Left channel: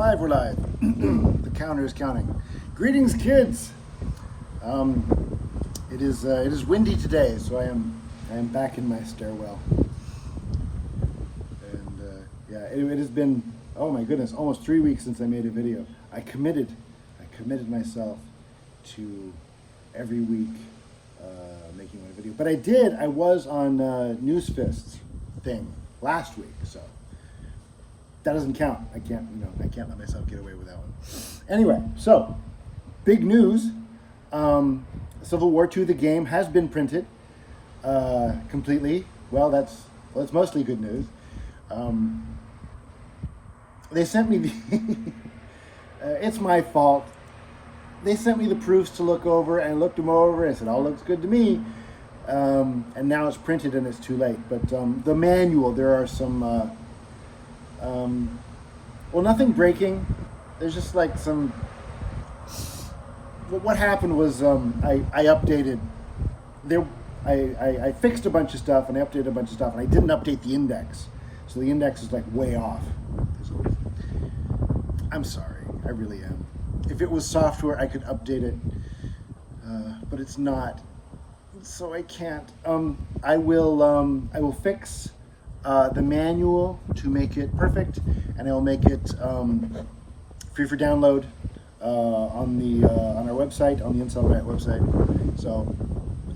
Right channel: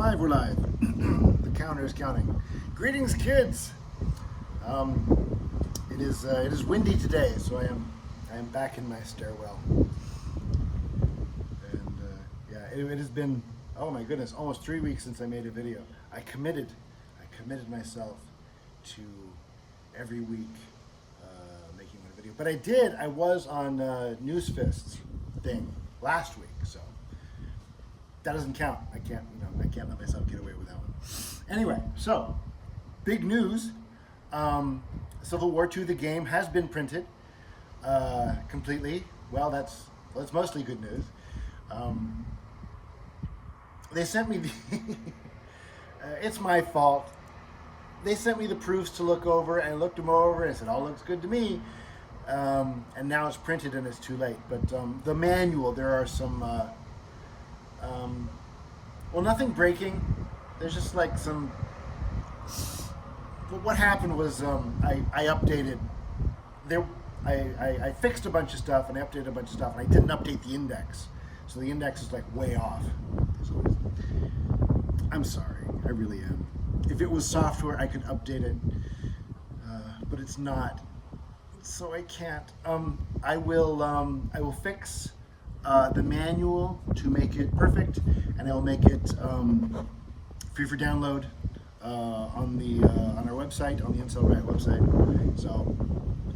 We're live. The counter is counting. Greetings, kids. It is windy today, so I am back in my stairwell. And yeah, it has been, oh my goodness, almost 3 weeks since I made a video. I committed myself to every week making one video. But I was on Newsfist's thing last week, so that doesn't count. I can't let myself get away with that one. Anyway, so big news. Civil War II, the game, has been printed completely. Well, that's mostly good news. They sent me the it's my fault. They sent me the proofs to look over, and I looked them over and said, all looks good to me. And now it's printed and it's too late. But the manual, there are some, well, nothing breaking. There's just like some, what happened was I updated, I fixed a bunch of stuff and I updated a bunch of stuff, and I didn't update the index. So the index is like way off. I'm sorry, I really am. If it was software, I could update it, but it's not, so I can't. I will fix the manual to make it perfect, and I will make it free for download on our website, on the Incel Grant website. So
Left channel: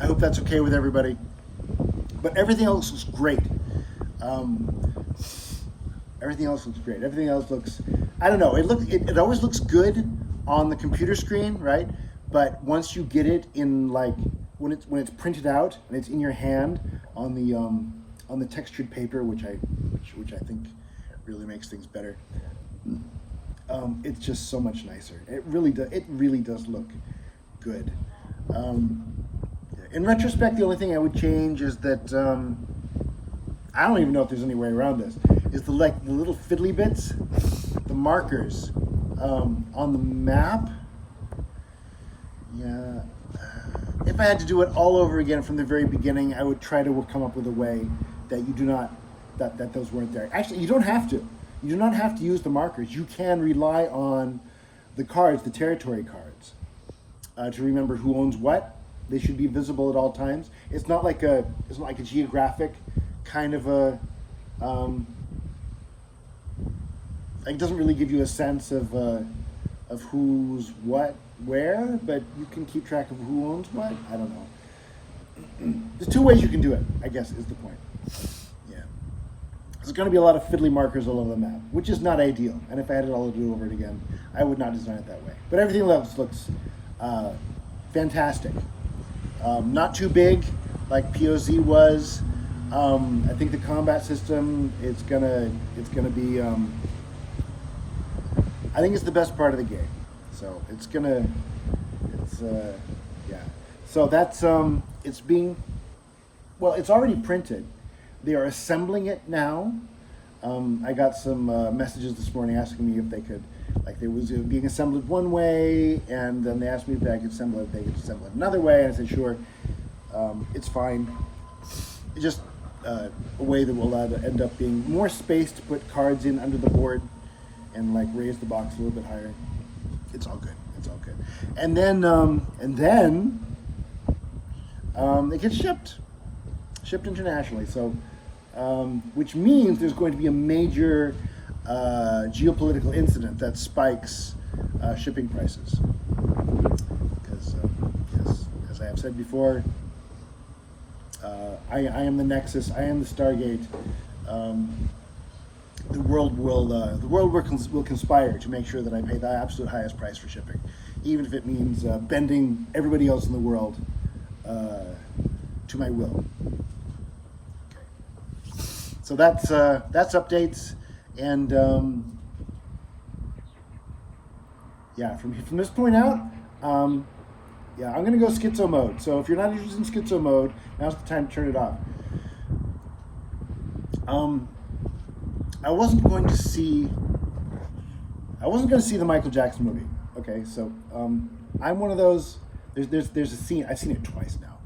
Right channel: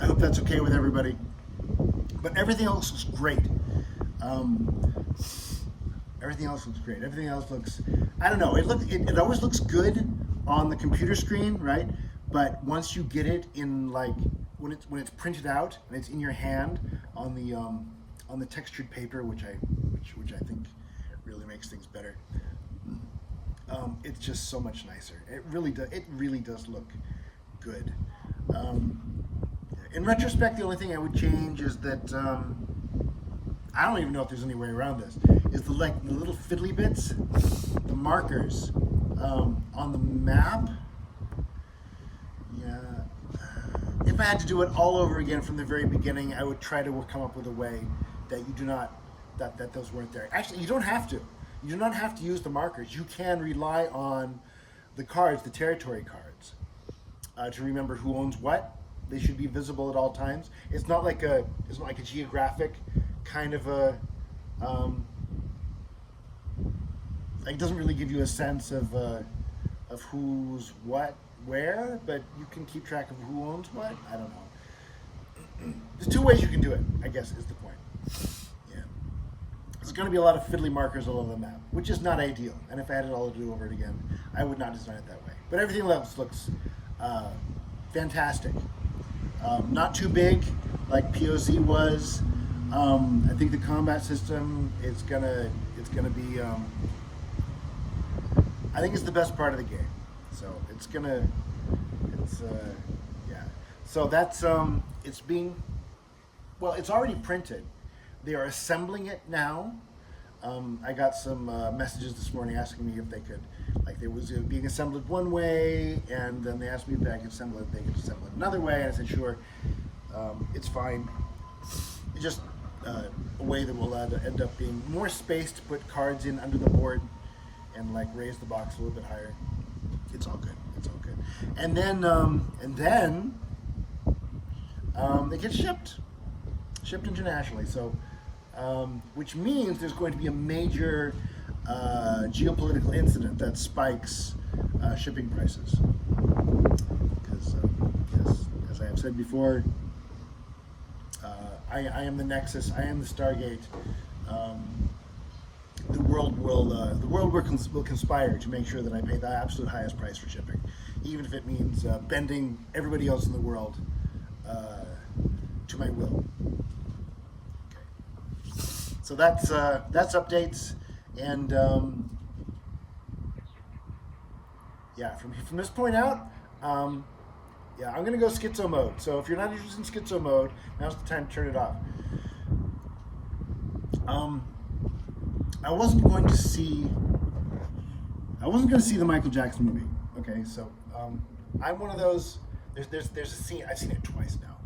I hope that's okay with everybody. But everything else looks great. Everything else looks great. Everything else looks, I don't know, it always looks good on the computer screen, right? But once you get it in, like, when it's printed out and it's in your hand on the textured paper, which I think really makes things better, it's just so much nicer. It really does look good. In retrospect, the only thing I would change is that I don't even know if there's any way around this. Is the little fiddly bits, the markers on the map. Yeah, if I had to do it all over again from the very beginning, I would try to come up with a way that you do not, that those weren't there. Actually, you don't have to. You do not have to use the markers. You can rely on the cards, the territory cards, to remember who owns what. They should be visible at all times. It's not like a geographic kind of a. It doesn't really give you a sense of who's what where, but you can keep track of who owns what. I don't know. There's two ways you can do it, I guess, is the point. Yeah. There's going to be a lot of fiddly markers all over the map, which is not ideal. And if I had it all to do over it again, I would not design it that way. But everything else looks fantastic. Not too big, like POZ was. I think the combat system it's gonna be. I think it's the best part of the game. So yeah. So that's it's already printed. They are assembling it now. I got some messages this morning asking me if they could, like, it was being assembled one way, and then they asked me if I could assemble it another way, and I said sure. It's fine. It's just a way that will end up being more space to put cards in under the board and like raise the box a little bit higher. It's all good. It's all good. And then it gets shipped internationally. So, which means there's going to be a major geopolitical incident that spikes shipping prices. Because, yes, as I have said before, I am the Nexus. I am the Stargate. The world will conspire to make sure that I pay the absolute highest price for shipping, even if it means bending everybody else in the world to my will. Okay. So that's updates, and yeah, from this point out, yeah, I'm gonna go schizo mode. So if you're not interested in schizo mode, now's the time to turn it off. I wasn't going to see the Michael Jackson movie. Okay, so I'm one of those. There's a scene. I've seen it twice now.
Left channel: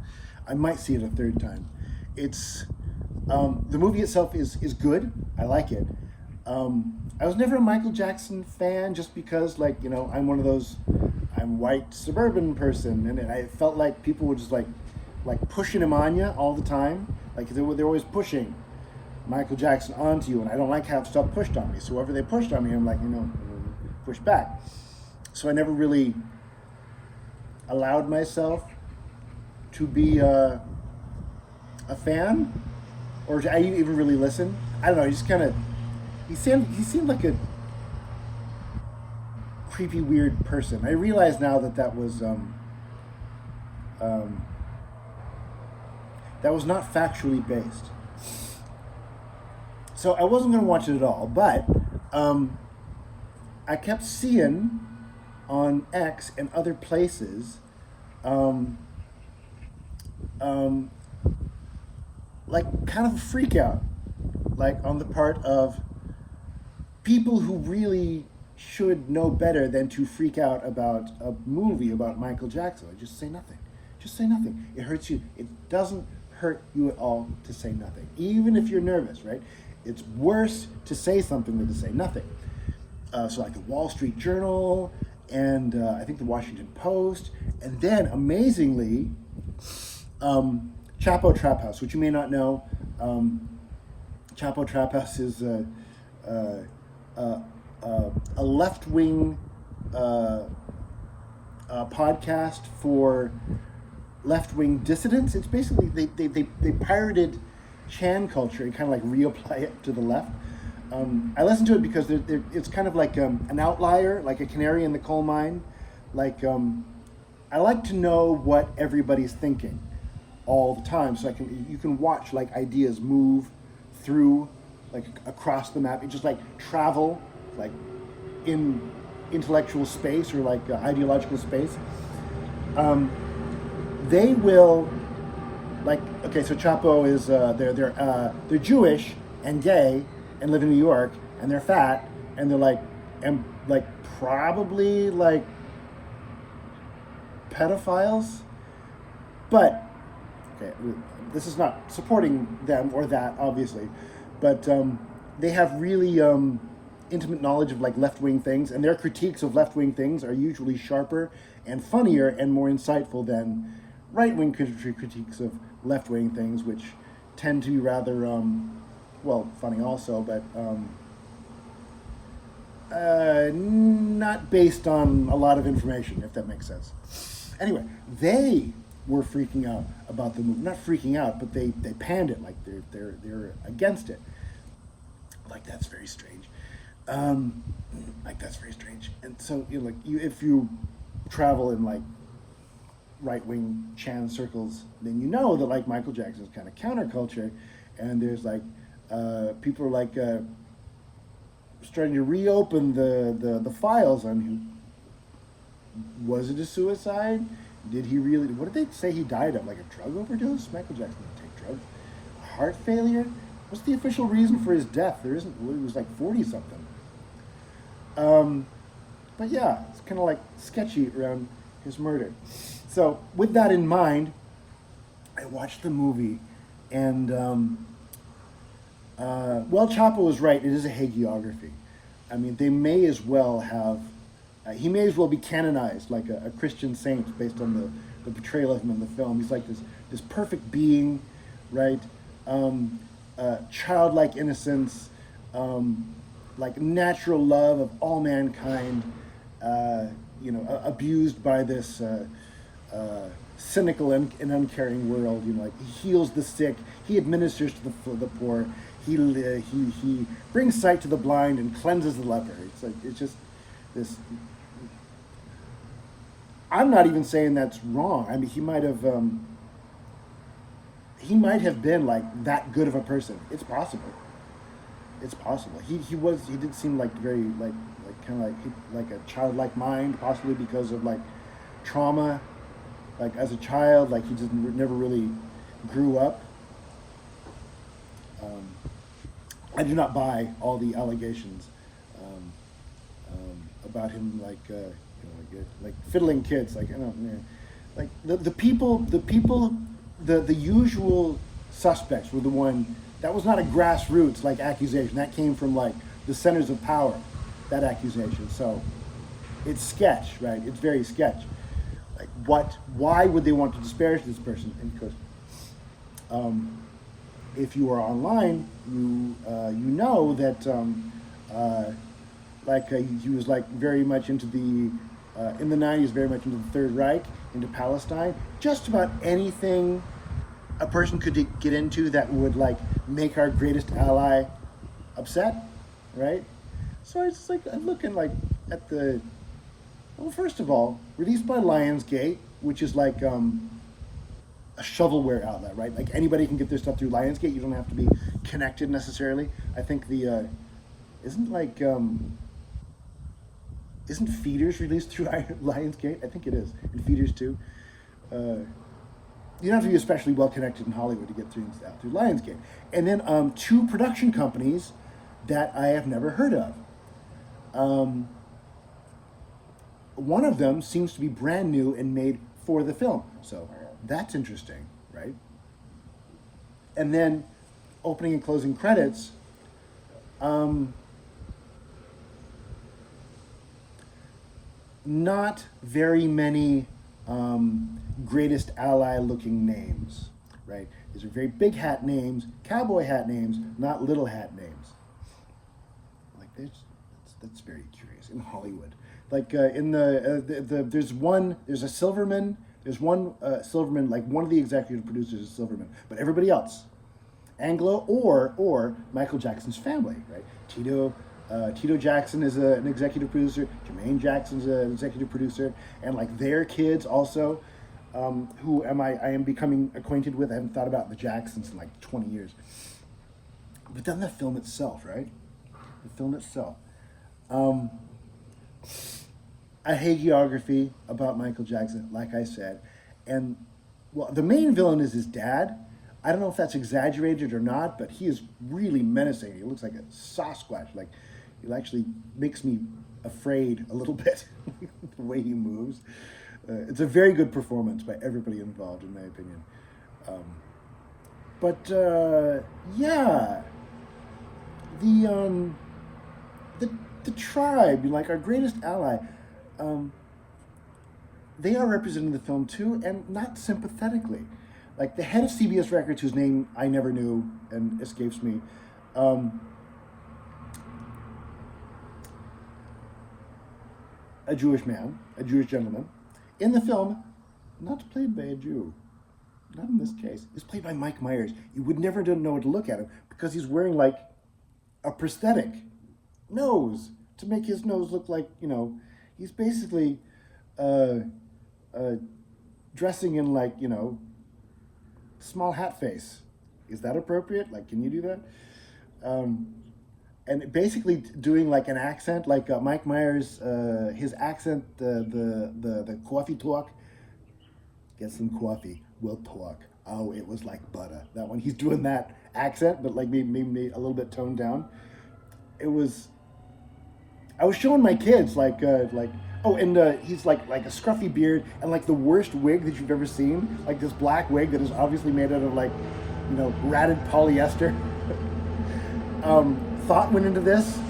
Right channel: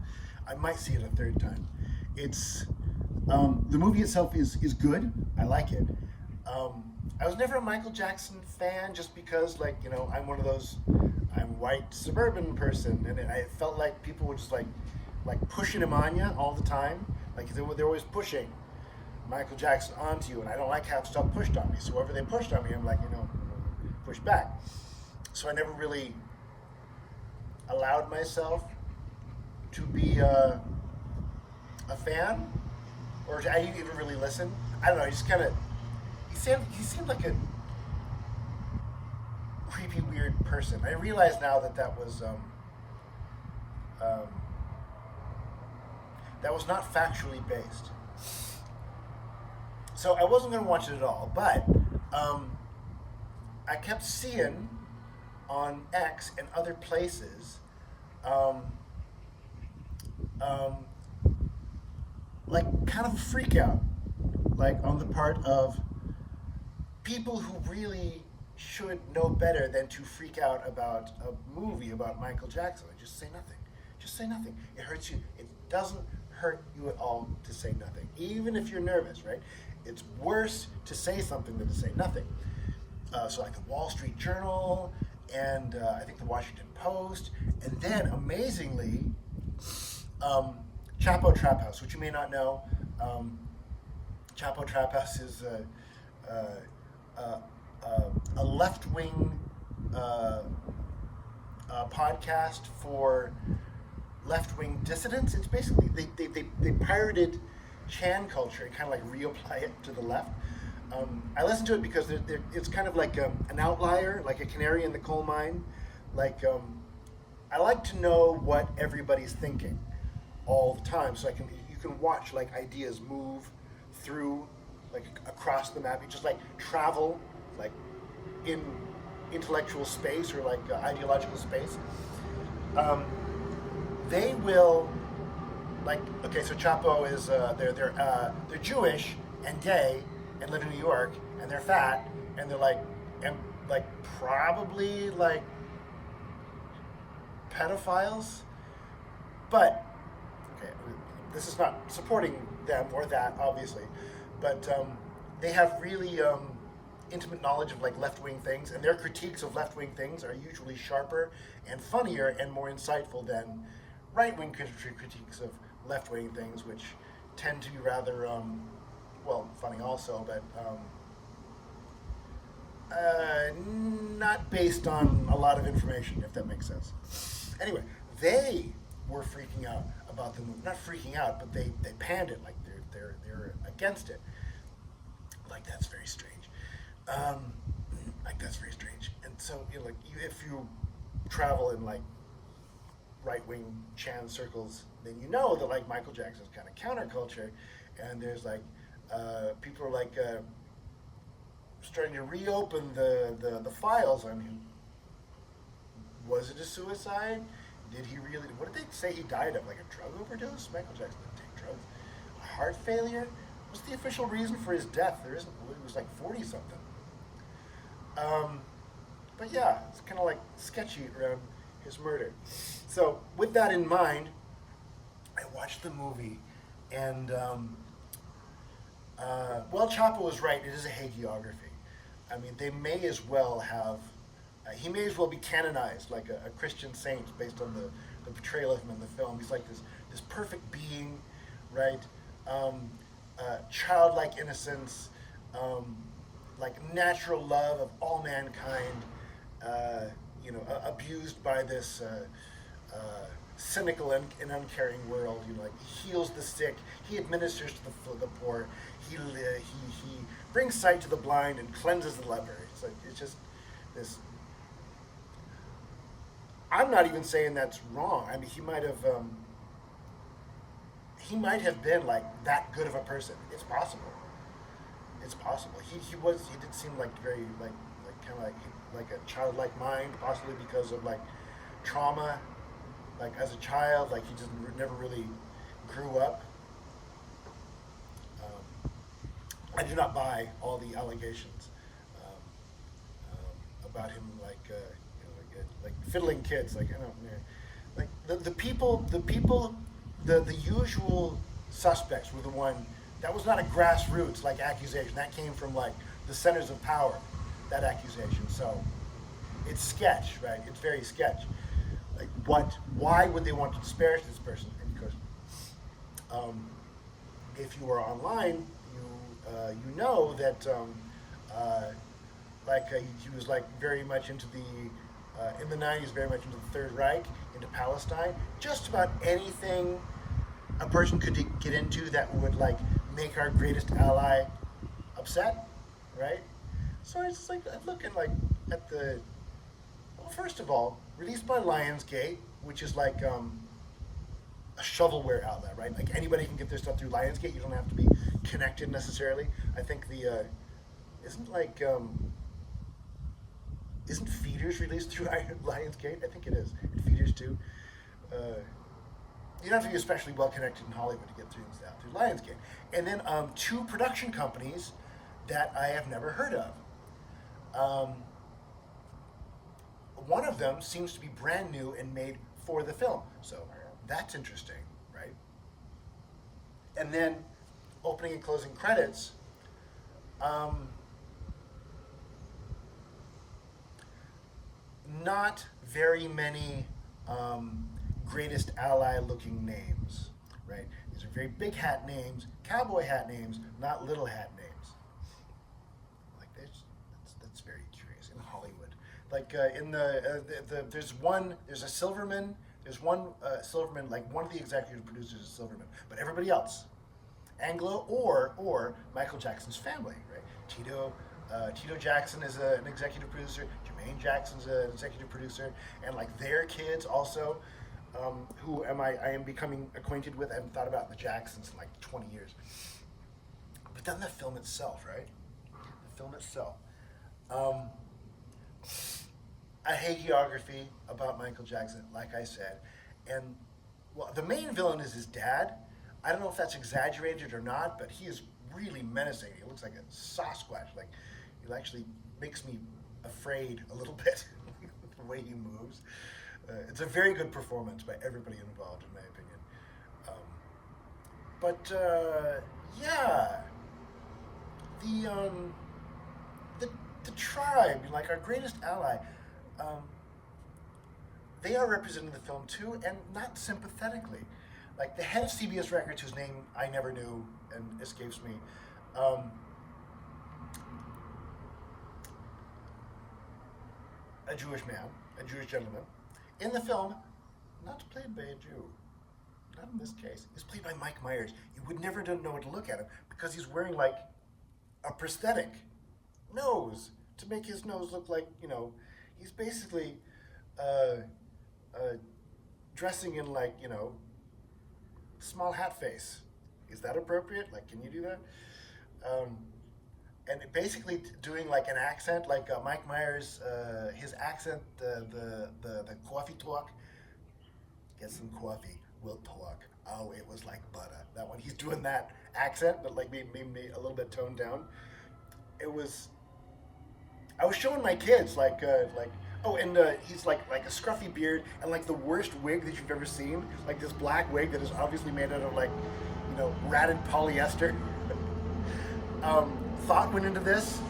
I might see it a third time. It's the movie itself is good. I like it. I was never a Michael Jackson fan, just because, like, you know, I'm one of those, I'm white suburban person, and I felt like people were just like pushing him on you all the time. Like they're always pushing Michael Jackson onto you, and I don't like how stuff pushed on me. So whoever they pushed on me, I'm like, you know, push back. So I never really allowed myself to be a fan, or to even really listen. I don't know. He just kind of he seemed like a creepy, weird person. I realize now that was that was not factually based. So I wasn't going to watch it at all, but I kept seeing on X and other places like kind of a freak out, like on the part of people who really should know better than to freak out about a movie about Michael Jackson. Like, just say nothing. Just say nothing. It hurts you. It doesn't hurt you at all to say nothing, even if you're nervous, right? It's worse to say something than to say nothing. So like the Wall Street Journal and I think the Washington Post, and then amazingly, Chapo Trap House, which you may not know. Chapo Trap House is a left-wing podcast for left-wing dissidents. It's basically they pirated Chan culture and kind of like reapply it to the left. I listen to it because it's kind of like an outlier, like a canary in the coal mine. Like I like to know what everybody's thinking all the time, so you can watch like ideas move through, like across the map. It just like travel like in intellectual space or like ideological space. They will, like, okay, so Chapo is they're Jewish and gay and live in New York, and they're fat, and they're like probably like pedophiles. But okay, this is not supporting them or that, obviously, but they have really intimate knowledge of like left-wing things, and their critiques of left-wing things are usually sharper and funnier and more insightful than right-wing critiques of left-wing things, which tend to be rather well, funny also, but not based on a lot of information, if that makes sense. Anyway, they were freaking out about the movie. Not freaking out, but they panned it, like they're against it. Like, that's very strange. Like, that's very strange. And so, you know, like, if you travel in like right-wing Chan circles, then you know that like Michael Jackson is kind of counterculture, and there's like people are like starting to reopen the files on him. Was it a suicide? Did he really? What did they say he died of? Like a drug overdose? Michael Jackson didn't take drugs. Heart failure? What's the official reason for his death? There isn't. Well, he was like 40 something. But yeah, it's kind of like sketchy around his murder. So with that in mind, I watched the movie, and well, Chapo was right. It is a hagiography. I mean, they may as well have. He may as well be canonized like a Christian saint based on the portrayal of him in the film. He's like this perfect being, right? Childlike innocence, like natural love of all mankind. You know, abused by this cynical and uncaring world. You know, like he heals the sick, he administers to the poor, he brings sight to the blind and cleanses the leper. It's like, it's just this. I'm not even saying that's wrong. I mean, he might have been like that good of a person. It's possible. It's possible. He did seem like very like kind of like a childlike mind, possibly because of like trauma, like as a child, like he just never really grew up. I do not buy all the allegations about him, like like fiddling kids. Like, I don't know, like the people, the usual suspects were the one. That was not a grassroots like accusation. That came from like the centers of power, that accusation. So it's sketch, right? It's very sketch. Like, why would they want to disparage this person? And because if you are online, you know that he was like very much into the in the 90s, very much into the Third Reich, into Palestine. Just about anything a person could get into that would like make our greatest ally upset, right? So it's just like I'm looking like at the, well, first of all, released by Lionsgate, which is like a shovelware outlet, right? Like anybody can get their stuff through Lionsgate. You don't have to be connected necessarily. I think the isn't like isn't Feeders released through Lionsgate? I think it is, and Feeders too. You don't have to be especially well connected in Hollywood to get things out through Lionsgate. And then two production companies that I have never heard of. One of them seems to be brand new and made for the film, so that's interesting, right? And then opening and closing credits. Not very many greatest ally looking names, right? These are very big hat names, cowboy hat names, not little hat names. Like that's very curious in Hollywood. Like in there's a Silverman. There's one Silverman, like one of the executive producers is Silverman, but everybody else, Anglo or Michael Jackson's family, right? Tito Jackson is an executive producer. Jermaine Jackson's an executive producer, and like their kids also, who I am becoming acquainted with. I haven't thought about the Jacksons in like 20 years. But then the film itself, right? The film itself. A hagiography about Michael Jackson, like I said, and well, the main villain is his dad. I don't know if that's exaggerated or not, but he is really menacing. He looks like a Sasquatch. Like, it actually makes me afraid a little bit, the way he moves. It's a very good performance by everybody involved, in my opinion. Yeah, the tribe, like our greatest ally, they are represented in the film too, and not sympathetically. Like the head of CBS Records, whose name I never knew and escapes me, a Jewish man, a Jewish gentleman, in the film, not played by a Jew, not in this case. He's played by Mike Myers. You would never know to look at him because he's wearing like a prosthetic nose to make his nose look like, he's basically dressing in like, small hat face. Is that appropriate? Like, can you do that? And basically doing like an accent, like Mike Myers, his accent, the coffee talk. Get some coffee, we'll talk. Oh, it was like butter. That one, he's doing that accent, but like maybe a little bit toned down. It was. I was showing my kids he's like a scruffy beard and like the worst wig that you've ever seen, like this black wig that is obviously made out of like, ratted polyester. Thought went into this.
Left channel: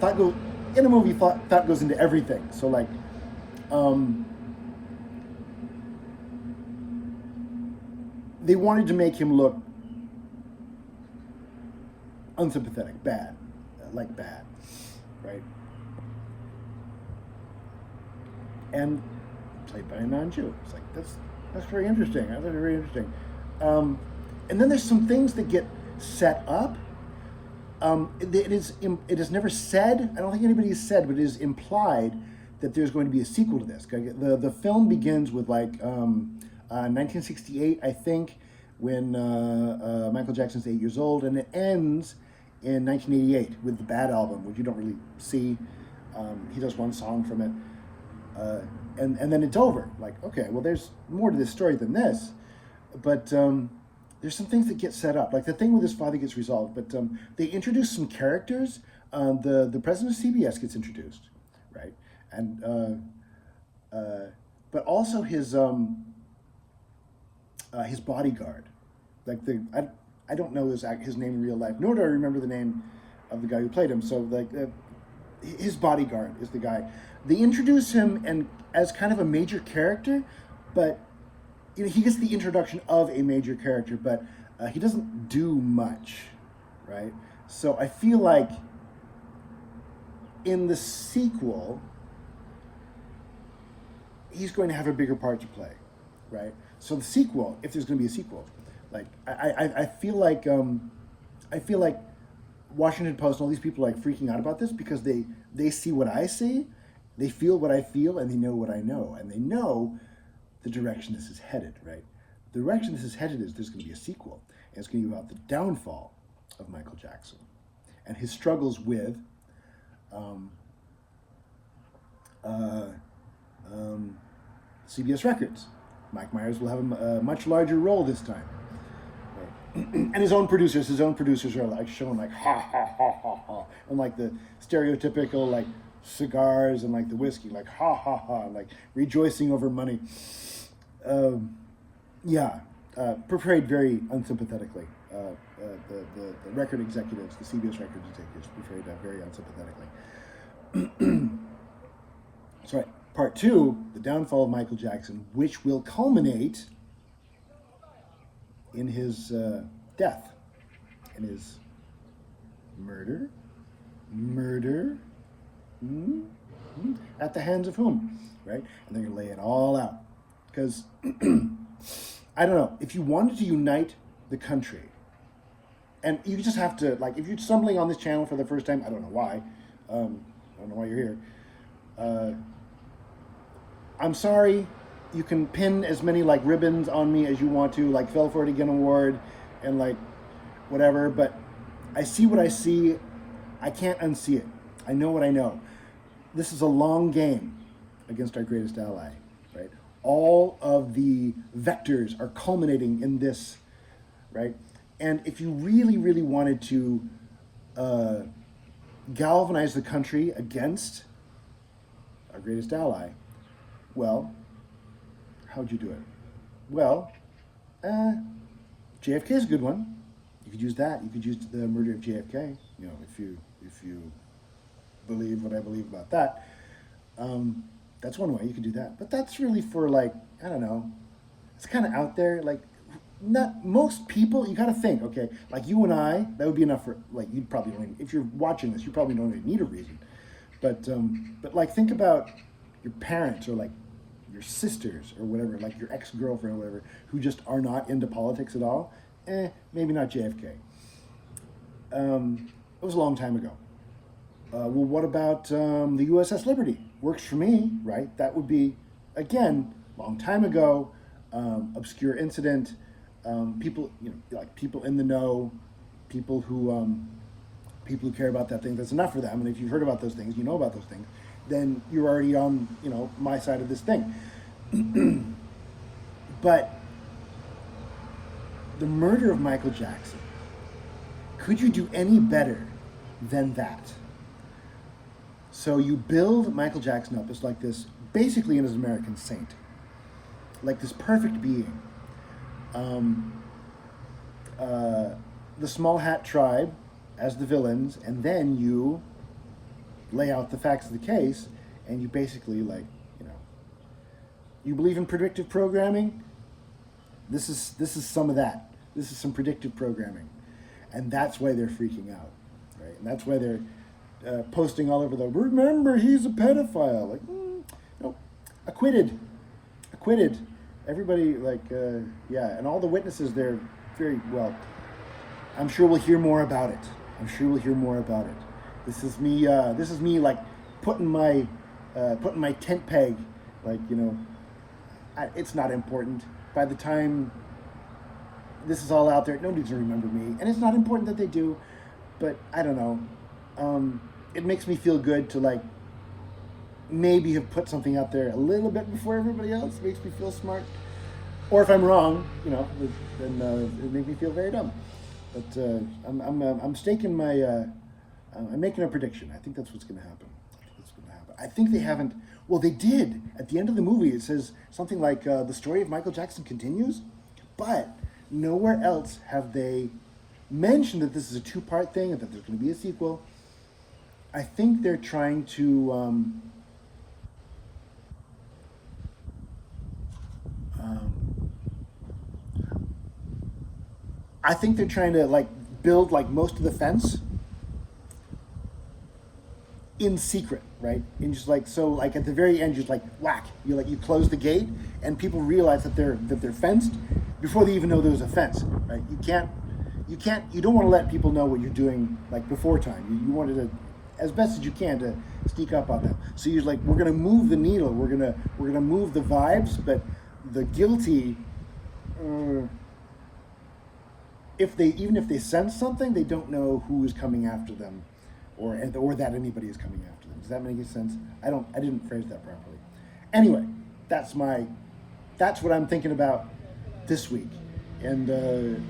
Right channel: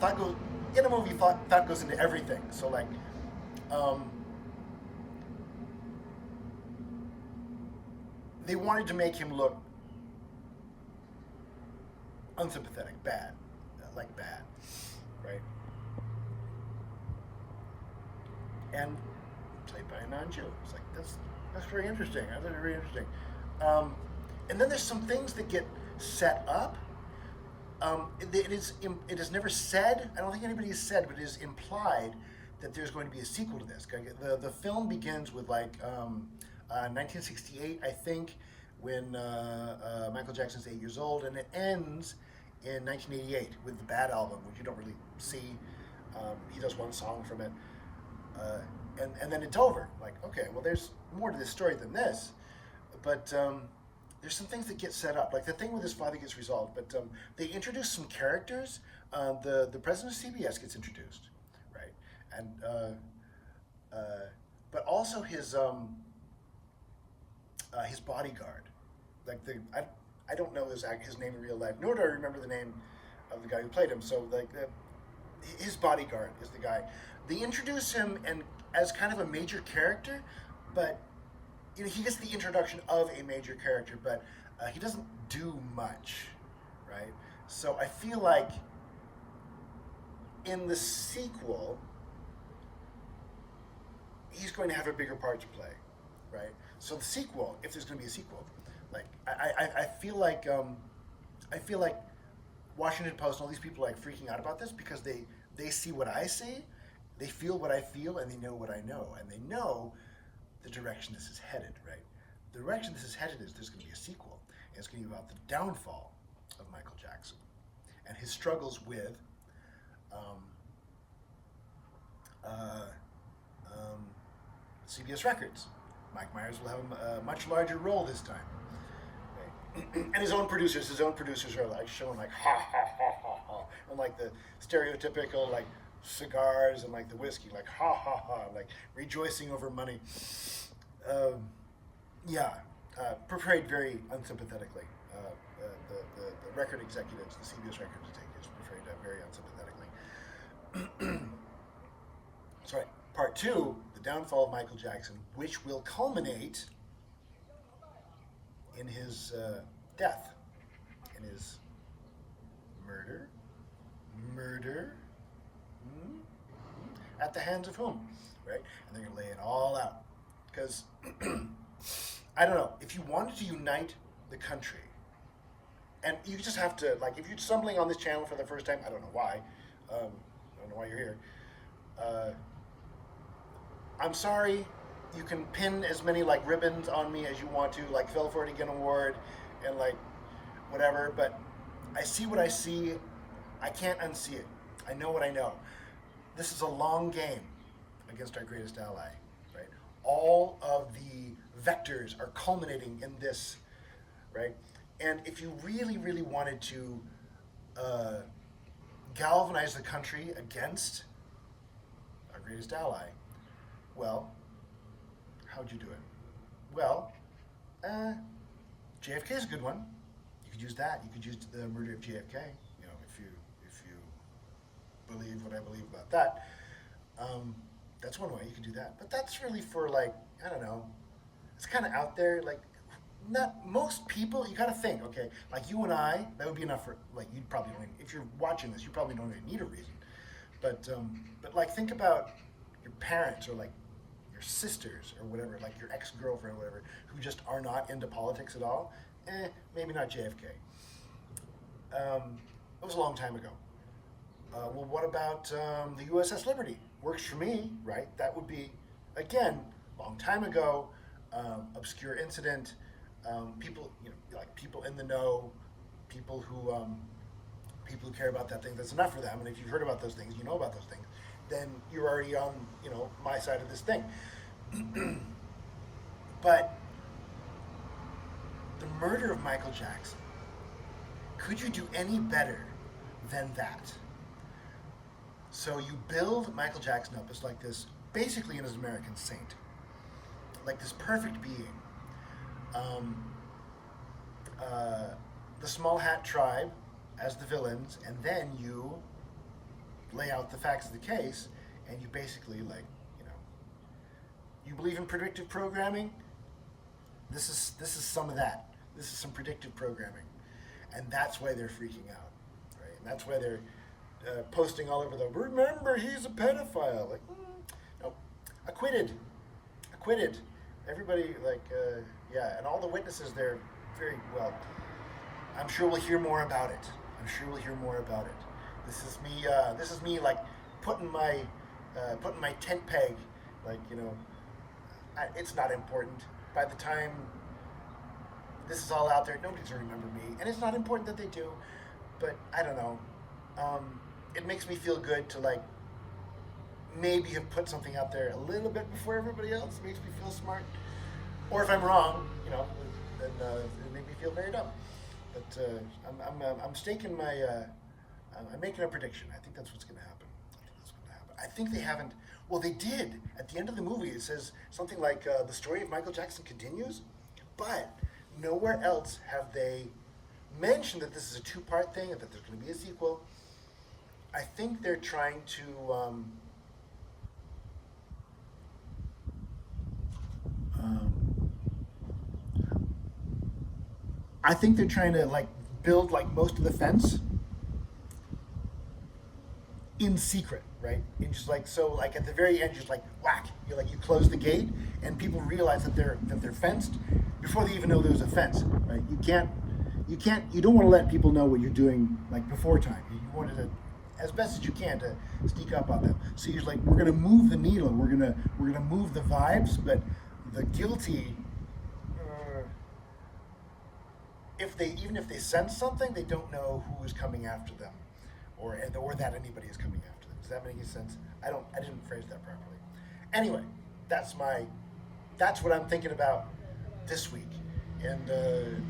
Thought goes in a movie. Thought goes into everything. So like, they wanted to make him look unsympathetic, bad, right? And played by a non-Jew. It's like that's very interesting. I thought it very interesting. And then there's some things that get set up. It is never said. I don't think anybody has said, but it is implied that there's going to be a sequel to this. The film begins with like 1968, I think, when Michael Jackson's 8 years old, and it ends in 1988 with the Bad album, which you don't really see. He does one song from it, and then it's over. Like, okay, well, there's more to this story than this, but there's some things that get set up. Like the thing with his father gets resolved, but they introduce some characters. The president of CBS gets introduced, right, and but also his bodyguard, like I don't know his name in real life, nor do I remember the name of the guy who played him. So like his bodyguard is the guy. They introduce him and as kind of a major character, but you know, he gets the introduction of a major character, but he doesn't do much, right? So I feel like in the sequel, he's going to have a bigger part to play, right? So the sequel, if there's going to be a sequel, like I feel like Washington Post and all these people are like freaking out about this because they see what I see, they feel what I feel, and they know what I know, and they know the direction this is headed, right? The direction this is headed is there's going to be a sequel, and it's going to be about the downfall of Michael Jackson and his struggles with CBS Records. Mike Myers will have a much larger role this time. Right? And his own producers are like showing like ha ha ha ha ha, and like the stereotypical like cigars and like the whiskey, like ha ha ha, like rejoicing over money. Portrayed very unsympathetically. The record executives, the CBS record executives, portrayed that very unsympathetically. So, part two, the downfall of Michael Jackson, which will culminate in his death, in his murder, at the hands of whom, right? And they're gonna lay it all out, because I don't know, if you wanted to unite the country, and you just have to, like, if you're stumbling on this channel for the first time, I don't know why, you're here. I'm sorry, you can pin as many like ribbons on me as you want to, like Fell For It Again award and like whatever, but I see what I see. I can't unsee it. I know what I know. This is a long game against our greatest ally, right? All of the vectors are culminating in this, right? And if you really, really wanted to galvanize the country against our greatest ally, well, how'd you do it? Well, JFK is a good one. You could use that. You could use the murder of JFK. You know, if you believe what I believe about that, that's one way you could do that. But that's really for like, I don't know. It's kind of out there. Like, not most people. You got to think. Okay, like you and I, that would be enough for like you'd probably don't even, if you're watching this, you probably don't even need a reason. But like think about your parents or like your sisters or whatever, like your ex-girlfriend or whatever, who just are not into politics at all. Maybe not JFK. It was a long time ago. Well, what about the USS Liberty? Works for me, right? That would be, again, long time ago, obscure incident. People, you know, like people in the know, people who care about that thing. That's enough for them. And if you've heard about those things, you know about those things, then you're already on, you know, my side of this thing. But the murder of Michael Jackson, could you do any better than that? So you build Michael Jackson up as like this, basically an American saint, like this perfect being. The Small Hat Tribe as the villains, and then you lay out the facts of the case, and you basically, like, you know, you believe in predictive programming? This is some of that. This is some predictive programming. And that's why they're freaking out, right? And that's why they're posting all over the, remember, he's a pedophile. Like, no, acquitted. Everybody, like, yeah, and all the witnesses, they're very, well, I'm sure we'll hear more about it. This is me like putting my tent peg, like, you know, it's not important. By the time this is all out there, nobody's gonna remember me, and it's not important that they do, but I don't know. It makes me feel good to like maybe have put something out there a little bit before everybody else. It makes me feel smart. Or if I'm wrong, you know, then it makes me feel very dumb. But I'm staking my, I'm making a prediction. I think that's what's going to happen. I think they haven't, well, they did. At the end of the movie, it says something like, the story of Michael Jackson continues, but nowhere else have they mentioned that this is a two-part thing and that there's going to be a sequel. I think they're trying to I think they're trying to like build like most of the fence in secret, right? And just like so, like at the very end, just like whack, you close the gate, and people realize that they're fenced before they even know there was a fence, right? You don't want to let people know what you're doing like before time. You wanted to, as best as you can, to sneak up on them. So you're like, we're gonna move the needle, we're gonna move the vibes, but the guilty. Even if they sense something, they don't know who is coming after them, or that anybody is coming after them. Does that make sense? I didn't phrase that properly. Anyway, that's what I'm thinking about this week, and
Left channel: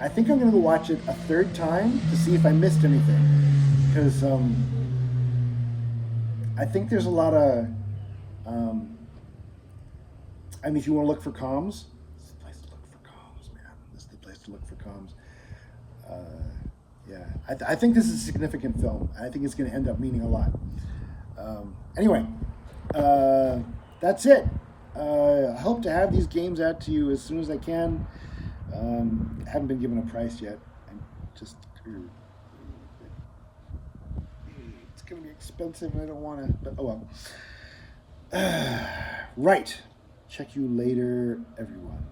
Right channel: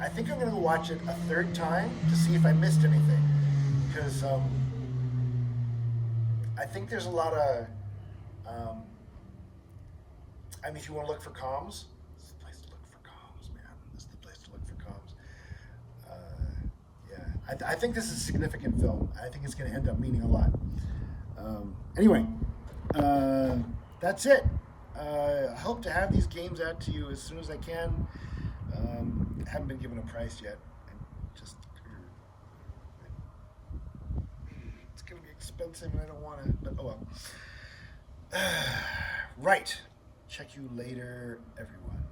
I think I'm going to go watch it a third time to see if I missed anything, because I think there's a lot of. I mean, if you want to look for comms, this is the place to look for comms, man. This is the place to look for comms. Yeah, I think this is a significant film. I think it's going to end up meaning a lot. Anyway, that's it. I hope to have these games out to you as soon as I can. I haven't been given a price yet. I'm just it's going to be expensive, and I don't want to. But oh well. Right. Check you later, everyone.